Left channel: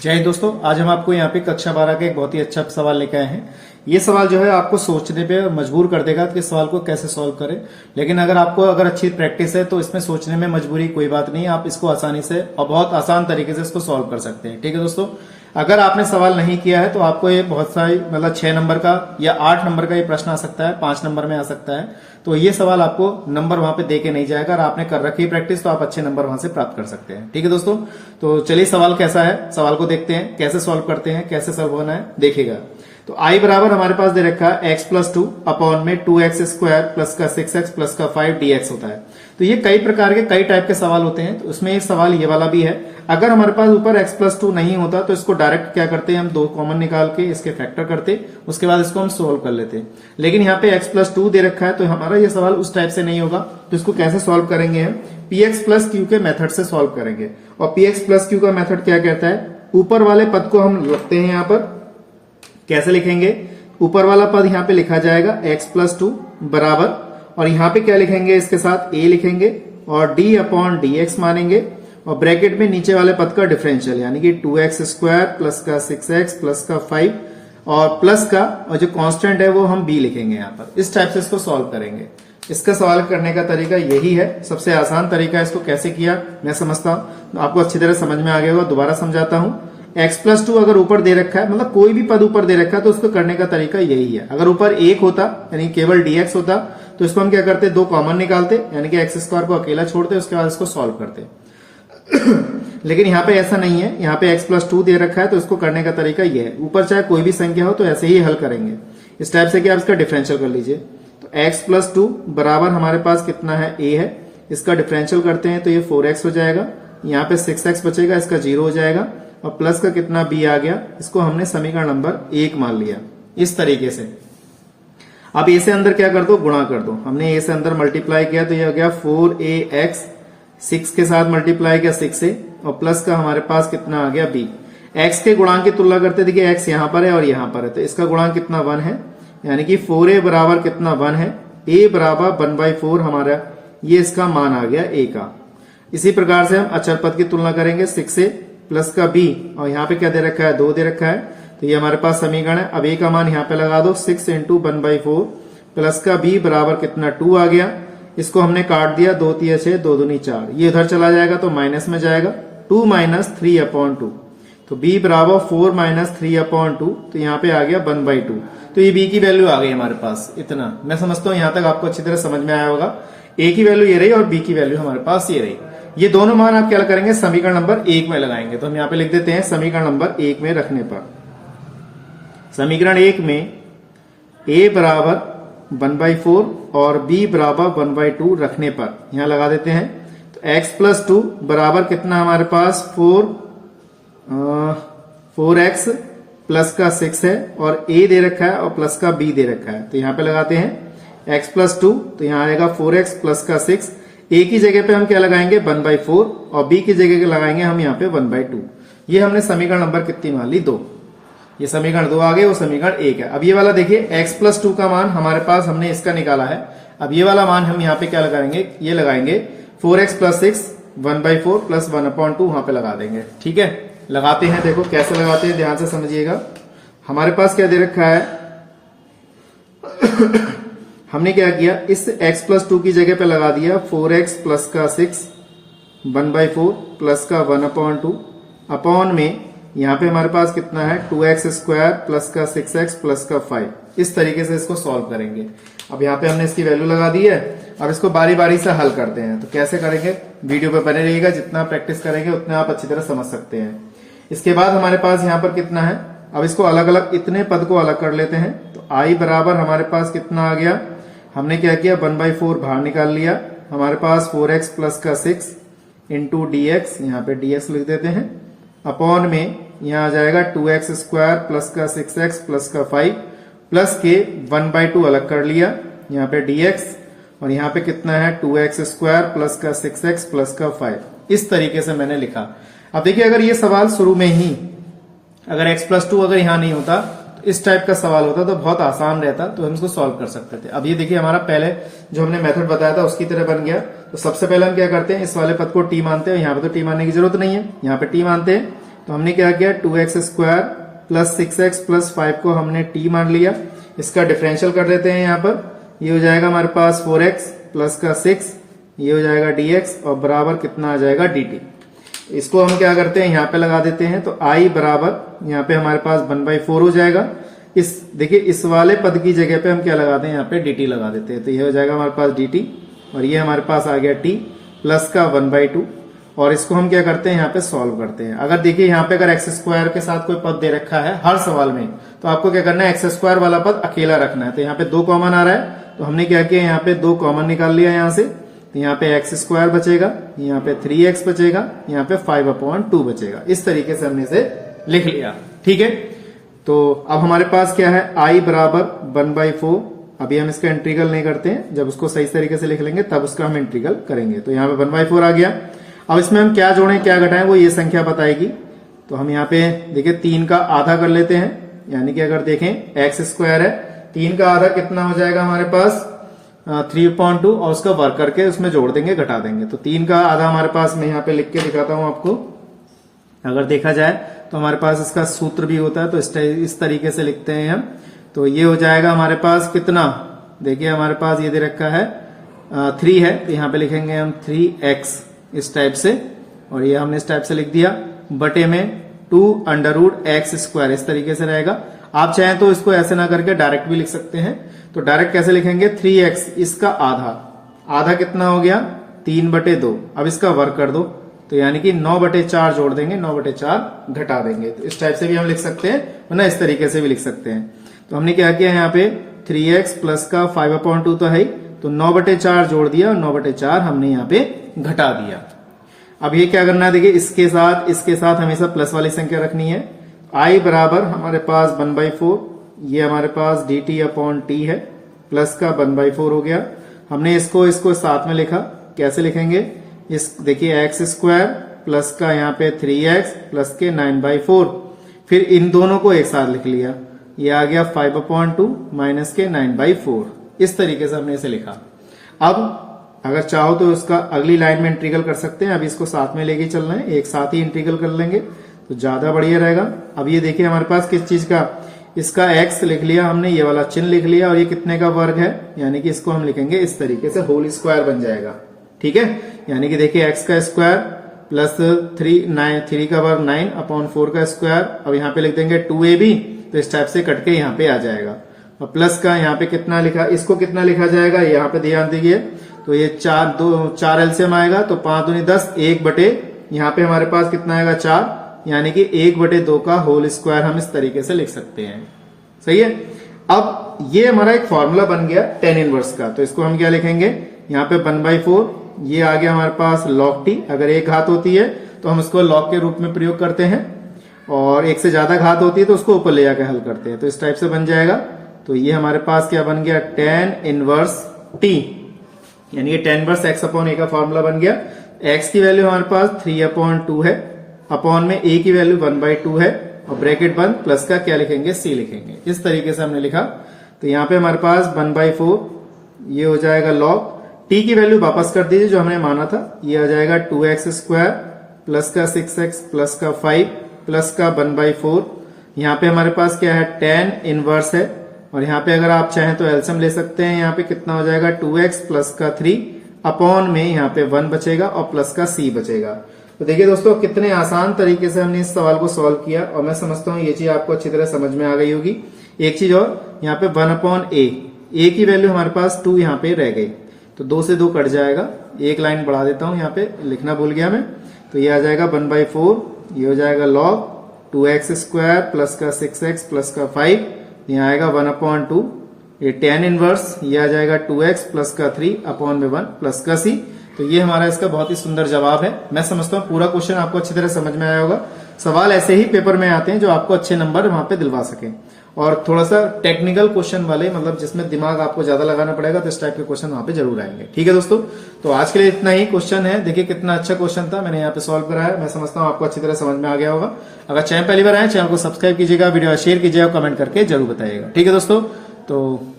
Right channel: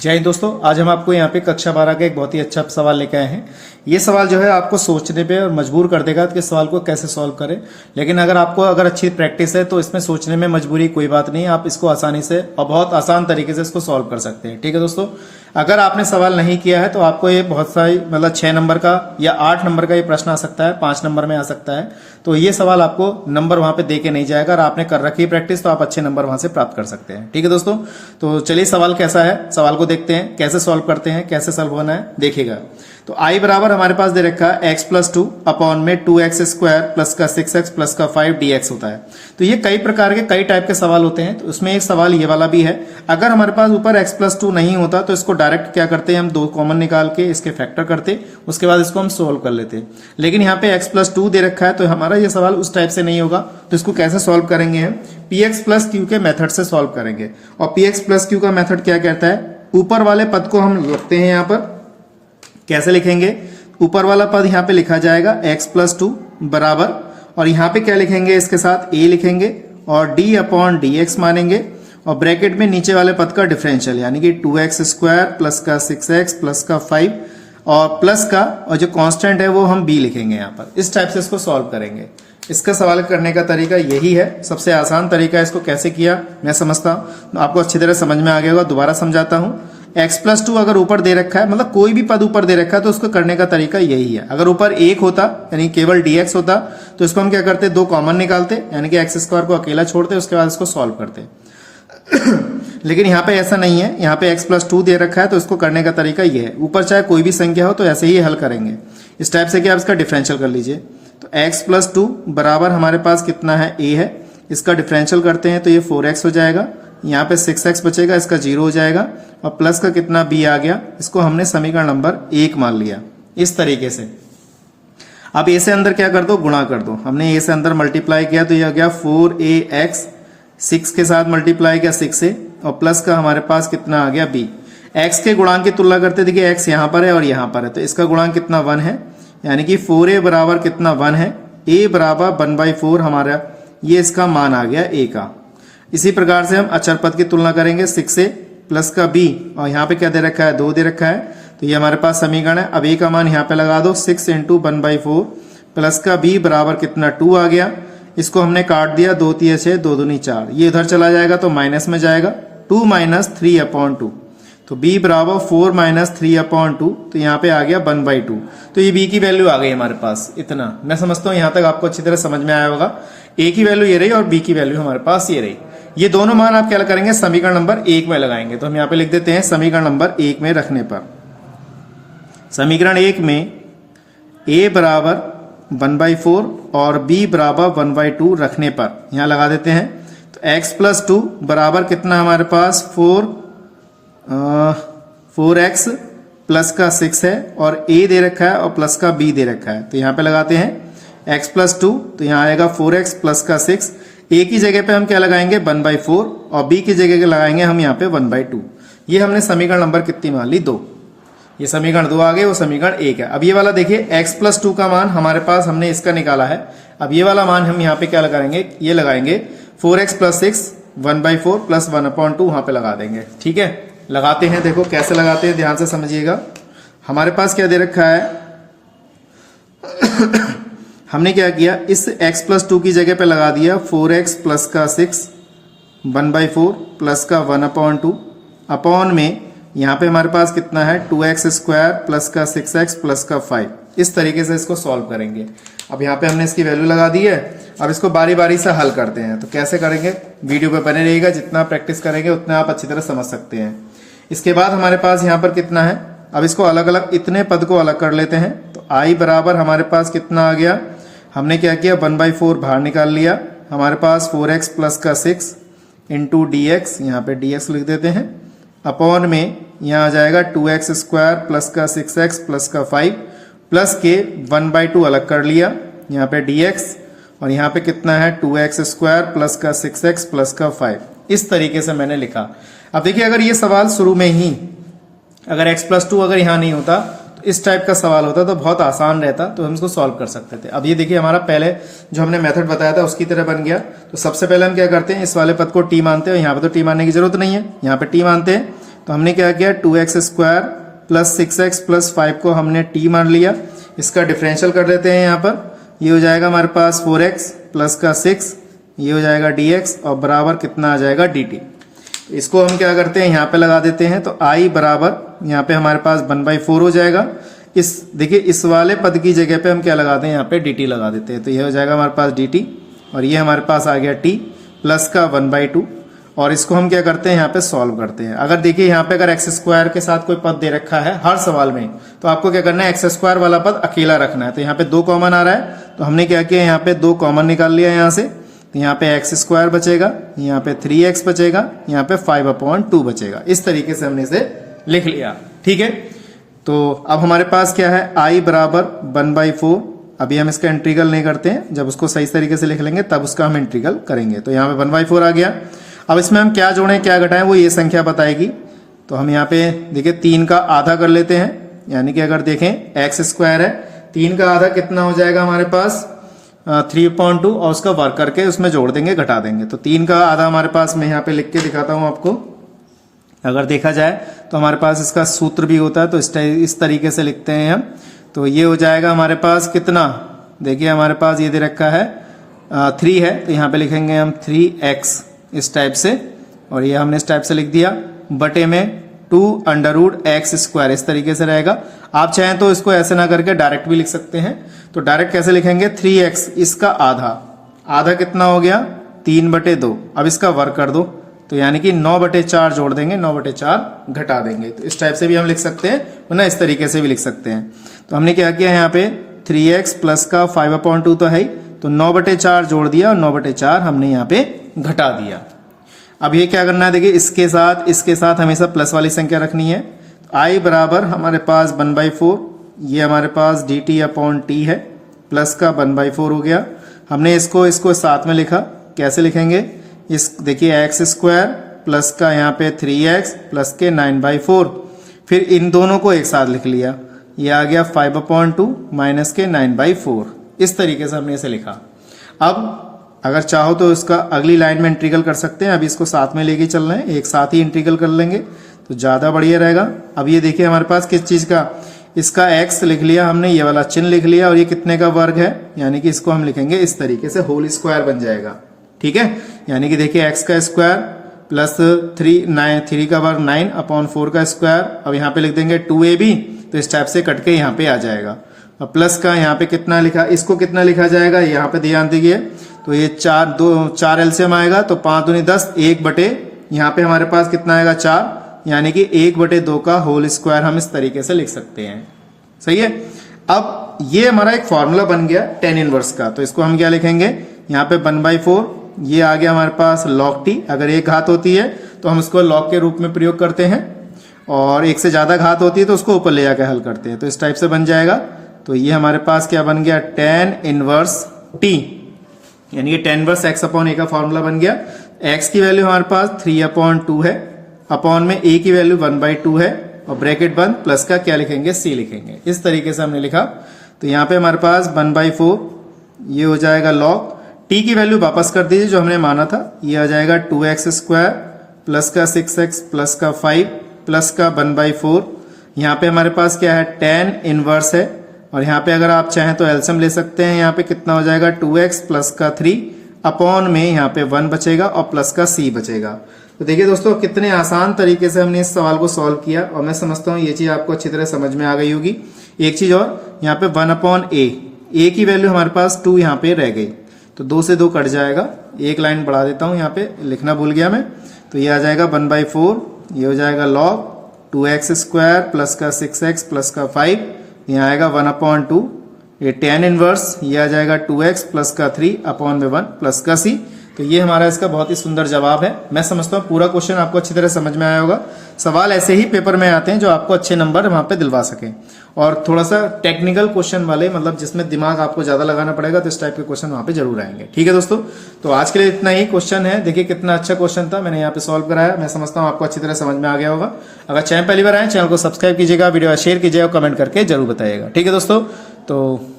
जय हिंद दोस्तों, आज हम आपको यहाँ पे कक्षा 12 का एक बहुत ही अच्छा सवाल लेके आए हैं। ये सवाल जो है आपको सोचने पे और मजबूर कर देगा कि इस सवाल को कैसे सॉल्व करें। लेकिन अगर अच्छी प्रैक्टिस है तो इसमें सोचने में मजबूरी कोई बात नहीं है, आप इसको आसानी से और बहुत आसान तरीके से इसको सॉल्व कर सकते हैं। ठीक है दोस्तों, अगर आपने सवाल नहीं किया है तो आपको ये बहुत सारी 6 नंबर का या 8 नंबर का ये प्रश्न आ सकता है, 5 नंबर में आ सकता है। तो ये सवाल आपको नंबर वहां पे दे के नहीं जाएगा और आपने कर रखी है प्रैक्टिस तो आप अच्छे नंबर वहां से प्राप्त कर सकते हैं। ठीक है दोस्तों, तो चलिए सवाल कैसा है, सवाल को देखते हैं कैसे सॉल्व करते हैं, कैसे सॉल्व होना है देखिएगा। तो आई बराबर हमारे पास दे रखा है x प्लस 2 अपॉन में 2x स्क्वायर प्लस का 6x प्लस का 5 dx होता है। तो ये कई प्रकार के कई टाइप के सवाल होते हैं, तो उसमें एक सवाल ये वाला भी है। अगर हमारे पास ऊपर x प्लस 2 नहीं होता तो इसको डायरेक्ट क्या करते हैं, हम दो कॉमन निकाल के इसके फैक्टर करते, उसके बाद इसको हम सोल्व कर लेते। लेकिन यहाँ पे x प्लस 2 दे रखा है तो हमारा ये सवाल उस टाइप से नहीं होगा। तो इसको कैसे सॉल्व करेंगे, हम px प्लस q के मेथड से सॉल्व करेंगे। और px प्लस q का मेथड क्या कहता है, ऊपर वाले पद को हम लिखते हैं यहाँ पर, कैसे लिखेंगे, ऊपर वाला पद यहाँ पे लिखा जाएगा x प्लस 2 बराबर, और यहाँ पे क्या लिखेंगे, इसके साथ a लिखेंगे और d अपॉन dx मानेंगे, और ब्रैकेट में नीचे वाले पद का डिफरेंशियल यानी कि 2x स्क्वायर प्लस का 6x प्लस का 5 और प्लस का, और जो कांस्टेंट है वो हम b लिखेंगे यहाँ पर। इस टाइप से इसको सॉल्व करेंगे। इसका सवाल करने का तरीका यही है, सबसे आसान तरीका। इसको कैसे किया मैं समझता हूँ, आपको अच्छी तरह समझ में आ गया होगा। दोबारा समझाता हूँ। x प्लस 2 अगर ऊपर दे रखा है, मतलब कोई भी पद ऊपर दे रखा है तो उसको करने का तरीका यही है। अगर ऊपर 1 होता यानी केवल dx होता तो इसको हम क्या करते, दो कॉमन निकालते यानी कि x स्क्वायर को अकेला छोड़ते, उसके बाद इसको सॉल्व करते। लेकिन यहाँ पे ऐसा नहीं है, यहाँ पे x प्लस 2 दे रखा है तो इसको करने का तरीका ये है, ऊपर चाहे कोई भी संख्या हो तो ऐसे ही हल करेंगे इस टाइप से कि आप इसका डिफरेंशियल कर लीजिए। तो x प्लस 2 बराबर हमारे पास कितना है, a है, इसका डिफरेंशियल करते हैं तो ये 4x हो जाएगा, यहाँ पे 6x बचेगा, इसका 0 हो जाएगा, और प्लस का कितना b आ गया, इसको हमने समीकरण नंबर 1 मान लिया। इस तरीके से अब a से अंदर क्या कर दो, गुणा कर दो। हमने a से अंदर मल्टीप्लाई किया तो ये आ गया 4ax, 6 के साथ मल्टीप्लाई किया 6 से, और प्लस का हमारे पास कितना आ गया b। x के गुणांक की तुलना करते, देखिए x यहाँ पर है और यहाँ पर है, तो इसका गुणांक कितना 1 है, यानी कि 4a बराबर कितना 1 है, a बराबर 1/4 हमारा ये इसका मान आ गया a का। इसी प्रकार से हम अचर पद की तुलना करेंगे 6 से, प्लस का b, और यहाँ पे क्या दे रखा है, 2 दे रखा है, तो ये हमारे पास समीकरण है। अब a का मान यहाँ पे लगा दो, 6 इंटू 1/4 प्लस का b बराबर कितना 2 आ गया। इसको हमने काट दिया, 2 3 6 2 दूनी 4, ये उधर चला जाएगा तो माइनस में जाएगा, 2 माइनस 3/2, तो b बराबर 4 माइनस 3/2, तो यहाँ पे आ गया 1/2। तो ये b की वैल्यू आ गई हमारे पास। इतना मैं समझता हूँ यहाँ तक आपको अच्छी तरह समझ में आया होगा। a की वैल्यू ये रही और b की वैल्यू हमारे पास ये रही। ये दोनों मान आप क्या करेंगे, समीकरण नंबर 1 में लगाएंगे। तो हम यहाँ पे लिख देते हैं समीकरण नंबर 1 में रखने पर, समीकरण 1 में a बराबर 1/4 और b बराबर 1/2 रखने पर यहाँ लगा देते हैं। तो x प्लस 2 बराबर कितना हमारे पास 4x प्लस का 6 है, और a दे रखा है और प्लस का b दे रखा है, तो यहाँ पे लगाते हैं x प्लस 2, तो यहाँ आएगा 4x प्लस का 6, a की जगह पे हम क्या लगाएंगे 1/4 और b की जगह लगाएंगे हम यहाँ पे 1/2। ये हमने समीकरण नंबर कितनी मान ली, 2। ये समीकरण 2 आ गए, वो समीकरण 1 है। अब ये वाला देखिए x प्लस 2 का मान हमारे पास हमने इसका निकाला है। अब ये वाला मान हम यहाँ पे क्या लगाएंगे, ये लगाएंगे 4x प्लस 6 1/4 प्लस 1/2 वहां पे लगा देंगे। ठीक है, लगाते हैं, देखो कैसे लगाते हैं, ध्यान से समझिएगा। हमारे पास क्या दे रखा है हमने क्या किया, इस x प्लस 2 की जगह पे लगा दिया 4x प्लस का 6 1/4 प्लस का 1/2 अपॉन में यहाँ पे हमारे पास कितना है 2x स्क्वायर प्लस का 6x प्लस का 5। इस तरीके से इसको सॉल्व करेंगे। अब यहाँ पे हमने इसकी वैल्यू लगा दी है। अब इसको बारी बारी से हल करते हैं। तो कैसे करेंगे, वीडियो पे बने रहिएगा, जितना प्रैक्टिस करेंगे उतना आप अच्छी तरह समझ सकते हैं। इसके बाद हमारे पास यहाँ पर कितना है, अब इसको अलग अलग इतने पद को अलग कर लेते हैं। तो i बराबर हमारे पास कितना आ गया, हमने क्या किया 1/4 बाहर निकाल लिया, हमारे पास 4x प्लस का 6 इंटू dx, यहाँ पे dx लिख देते हैं, अपॉन में यहाँ आ जाएगा 2x स्क्वायर प्लस का 6x प्लस का 5 प्लस के 1/2 अलग कर लिया, यहाँ पे dx, और यहाँ पे कितना है 2x स्क्वायर प्लस का 6x प्लस का 5। इस तरीके से मैंने लिखा। अब देखिए अगर ये सवाल शुरू में ही अगर x प्लस 2 अगर यहाँ नहीं होता तो इस टाइप का सवाल होता तो बहुत आसान रहता, तो हम इसको सॉल्व कर सकते थे। अब ये देखिए हमारा पहले जो हमने मेथड बताया था उसकी तरह बन गया। तो सबसे पहले हम क्या करते हैं, इस वाले पद को t मानते हैं, यहाँ पे तो t मानने की जरूरत नहीं है, यहाँ पे t मानते हैं। तो हमने क्या किया, 2x² प्लस 6x प्लस 5 को हमने t मान लिया। इसका डिफरेंशियल कर देते हैं यहाँ पर, ये हो जाएगा हमारे पास 4x प्लस का 6, ये हो जाएगा dx और बराबर कितना आ जाएगा dt। इसको हम क्या करते हैं, यहाँ पे लगा देते हैं, तो i बराबर यहाँ पे हमारे पास 1/4 हो जाएगा। इस देखिए इस वाले पद की जगह पे हम क्या लगाते हैं, यहाँ पे dt लगा देते हैं, तो ये हो जाएगा हमारे पास dt और ये हमारे पास आ गया t प्लस का 1/2। और इसको हम क्या करते हैं, यहाँ पे सॉल्व करते हैं। अगर देखिए यहाँ पे अगर x² के साथ कोई पद दे रखा है हर सवाल में, तो आपको क्या करना है, x² वाला पद अकेला रखना है। तो यहाँ पे 2 कॉमन आ रहा है, तो हमने क्या किया, यहाँ पे 2 कॉमन निकाल लिया यहाँ से, तो यहाँ पे x² बचेगा, यहाँ पे 3x बचेगा, यहाँ पे 5/2 बचेगा। इस तरीके से हमने इसे लिख लिया। ठीक है, तो अब हमारे पास क्या है, i बराबर 1/4। अभी हम इसका इंटीग्रल नहीं करते हैं, जब उसको सही तरीके से लिख लेंगे तब उसका हम इंटीग्रल करेंगे। तो यहाँ पे 1/4 आ गया। अब इसमें हम क्या जोड़ें क्या घटाएं वो ये संख्या बताएगी। तो हम यहाँ पे देखिए 3 का आधा कर लेते हैं, यानी कि अगर देखें x² है, 3 का आधा कितना हो जाएगा हमारे पास 3/2 और उसका वर्ग करके उसमें जोड़ देंगे, घटा देंगे। तो 3 का आधा हमारे पास, मैं यहाँ पे लिख के दिखाता हूँ आपको। अगर देखा जाए तो हमारे पास इसका सूत्र भी होता है, तो इस तरीके से लिखते हैं हम। तो ये हो जाएगा हमारे पास कितना, देखिए हमारे पास ये दे रखा है 3 है, तो यहाँ पे लिखेंगे हम 3x इस टाइप से, और ये हमने इस टाइप से लिख दिया, बटे में 2√x², इस तरीके से रहेगा। आप चाहें तो इसको ऐसे ना करके डायरेक्ट भी लिख सकते हैं। तो डायरेक्ट कैसे लिखेंगे, 3x इसका आधा कितना हो गया 3/2। अब इसका वर्ग कर दो, तो यानी कि 9/4 जोड़ देंगे, 9/4 घटा देंगे। तो इस टाइप से भी हम लिख सकते हैं, वरना इस तरीके से भी लिख सकते हैं। तो हमने क्या किया यहाँ पे 3x प्लस का 5/2 तो है ही, तो 9/4 जोड़ दिया और 9/4 हमने यहाँ पे घटा दिया। अब ये क्या करना है, देखिए इसके साथ हमेशा प्लस वाली संख्या रखनी है। i बराबर हमारे पास 1/4, ये हमारे पास dt/t है, प्लस का 1/4 हो गया। हमने इसको साथ में लिखा, कैसे लिखेंगे, इस देखिए x² प्लस का यहाँ पे 3x प्लस के 9/4, फिर इन दोनों को एक साथ लिख लिया, ये आ गया 5/2 माइनस के 9/4। इस तरीके से हमने इसे लिखा। अब अगर चाहो तो इसका अगली लाइन में इंटीग्रल कर सकते हैं, अभी इसको साथ में लेके चल रहे हैं, एक साथ ही इंटीग्रल कर लेंगे तो ज्यादा बढ़िया रहेगा। अब ये देखिए हमारे पास किस चीज का, इसका x लिख लिया हमने, ये वाला चिन्ह लिख लिया, और ये कितने का वर्ग है, यानी कि इसको हम लिखेंगे इस तरीके से, होल स्क्वायर बन जाएगा। ठीक है, यानी कि देखिए x का स्क्वायर प्लस 3 का वर्ग 9/4 का स्क्वायर। अब यहाँ पे लिख देंगे 2ab, तो इस टाइप से कट के यहाँ पे आ जाएगा। अब प्लस का यहाँ पे कितना लिखा, इसको कितना लिखा जाएगा, यहाँ पे ध्यान दीजिए, तो ये 4 एलसीएम आएगा, तो 5 दूनी 10, 1 बटे यहाँ पे हमारे पास कितना आएगा 4, यानी कि 1/2 का होल स्क्वायर हम इस तरीके से लिख सकते हैं। सही है। अब ये हमारा एक फॉर्मूला बन गया tan इनवर्स का, तो इसको हम क्या लिखेंगे, यहाँ पे 1/4, ये आ गया हमारे पास log t। अगर एक घात होती है तो हम इसको log के रूप में प्रयोग करते हैं, और एक से ज्यादा घात होती है तो उसको ऊपर ले जाकर हल करते हैं। तो इस टाइप से बन जाएगा। तो ये हमारे पास क्या बन गया, tan इनवर्स t, यानी कि tan इनवर्स x/a का फॉर्मूला बन गया। x की वैल्यू हमारे पास 3/2 है, अपॉन में a की वैल्यू 1/2 है, और ब्रैकेट बंद, प्लस का क्या लिखेंगे, c लिखेंगे। इस तरीके से हमने लिखा। तो यहाँ पे हमारे पास 1/4, ये हो जाएगा log t की वैल्यू वापस कर दीजिए जो हमने माना था, ये आ जाएगा 2x² प्लस का 6x प्लस का 5 प्लस का 1/4। यहाँ पे हमारे पास क्या है, tan इनवर्स है, और यहाँ पे अगर आप चाहें तो एलसीएम ले सकते हैं। यहाँ पे कितना हो जाएगा 2x प्लस का 3 अपॉन में यहाँ पे 1 बचेगा और प्लस का c बचेगा। तो देखिए दोस्तों कितने आसान तरीके से हमने इस सवाल को सॉल्व किया, और मैं समझता हूँ ये चीज आपको अच्छी तरह समझ में आ गई होगी। एक चीज और, यहाँ पे 1/a की वैल्यू हमारे पास 2 यहाँ पे रह गई, तो 2 से 2 कट जाएगा। एक लाइन बढ़ा देता हूँ, यहाँ पे लिखना भूल गया मैं, तो ये आ जाएगा 1/4, ये हो जाएगा log 2x² प्लस का 6x प्लस का 5, यहाँ आएगा 1/2, ये tan इनवर्स, ये आ जाएगा 2x प्लस का 3 अपॉन में 1 प्लस का c। तो ये हमारा इसका बहुत ही सुंदर जवाब है। मैं समझता हूँ पूरा क्वेश्चन आपको अच्छी तरह समझ में आया होगा। सवाल ऐसे ही पेपर में आते हैं जो आपको अच्छे नंबर वहां पे दिलवा सके, और थोड़ा सा टेक्निकल क्वेश्चन वाले, मतलब जिसमें दिमाग आपको ज्यादा लगाना पड़ेगा, तो इस टाइप के क्वेश्चन वहां पे जरूर आएंगे। ठीक है दोस्तों, तो आज के लिए इतना ही क्वेश्चन है। देखिए कितना अच्छा क्वेश्चन था, मैंने यहाँ पे सॉल्व कराया। मैं समझता हूँ आपको अच्छी तरह समझ में आ गया होगा। अगर चैनल पहली बार आए, चैनल को सब्सक्राइब कीजिएगा, वीडियो शेयर कीजिएगा, कमेंट करके जरूर बताइएगा। ठीक है दोस्तों, तो